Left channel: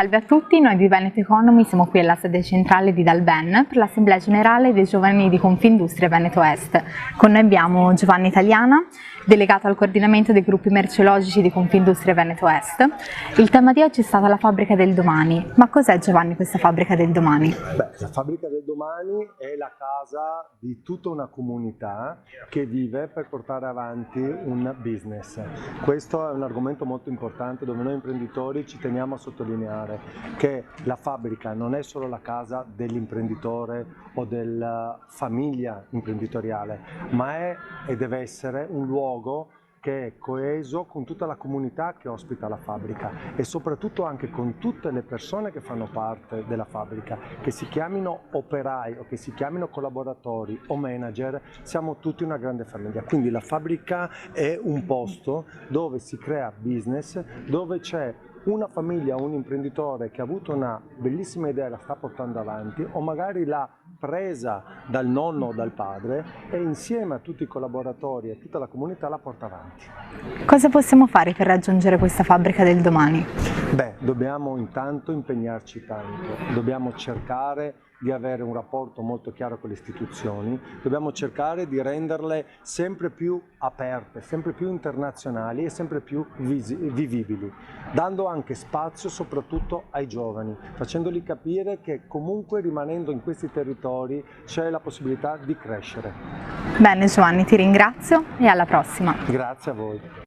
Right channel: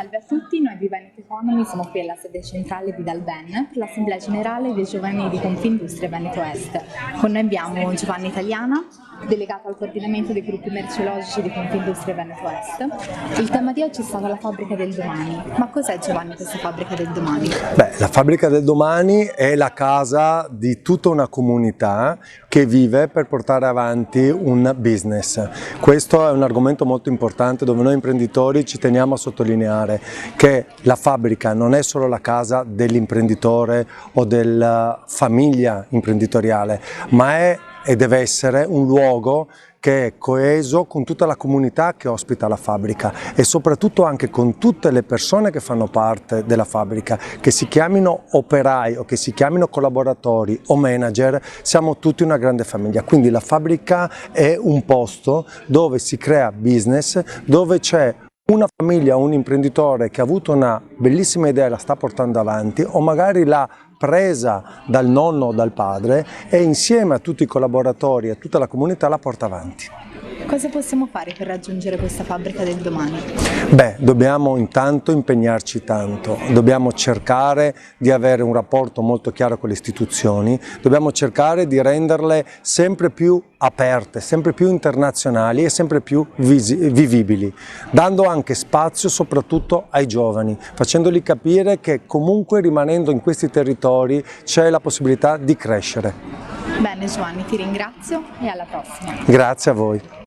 Salve a tutti, noi di Veneto Economy siamo qui alla sede centrale di Dalben per l'Assemblea Generale dei Giovani di Confindustria Veneto Est. Con noi abbiamo Giovanni Italiana, delegato al coordinamento dei gruppi merceologici di Confindustria Veneto Est. Il tema di oggi è stata la fabbrica del domani. Ma cos'è, Giovanni, questa fabbrica del domani? La fabbrica del domani è la casa di tutta una comunità che vive per portare avanti un business. Questo è un argomento molto importante dove noi imprenditori ci teniamo a sottolineare che la fabbrica non è solo la casa dell'imprenditore o della famiglia imprenditoriale, ma è e deve essere un luogo che è coeso con tutta la comunità che ospita la fabbrica e soprattutto anche con tutte le persone che fanno parte della fabbrica, che si chiamino operai o che si chiamino collaboratori o manager, siamo tutti una grande famiglia. Quindi la fabbrica è un posto dove si crea business, dove c'è una famiglia o un imprenditore che ha avuto una bellissima idea e la sta portando avanti, o magari l'ha presa dal nonno o dal padre e insieme a tutti i collaboratori e a tutta la comunità la porta avanti. Cosa possiamo fare per raggiungere questa fabbrica del domani? Dobbiamo intanto impegnarci tanto, dobbiamo cercare di avere un rapporto molto chiaro con le istituzioni, dobbiamo cercare di renderle sempre più aperte, sempre più internazionali e sempre più vivibili, dando anche spazio soprattutto ai giovani, facendoli capire che comunque rimanendo in questi territori c'è la possibilità di crescere. Bene Giovanni, ti ringrazio e alla prossima. Grazie a voi.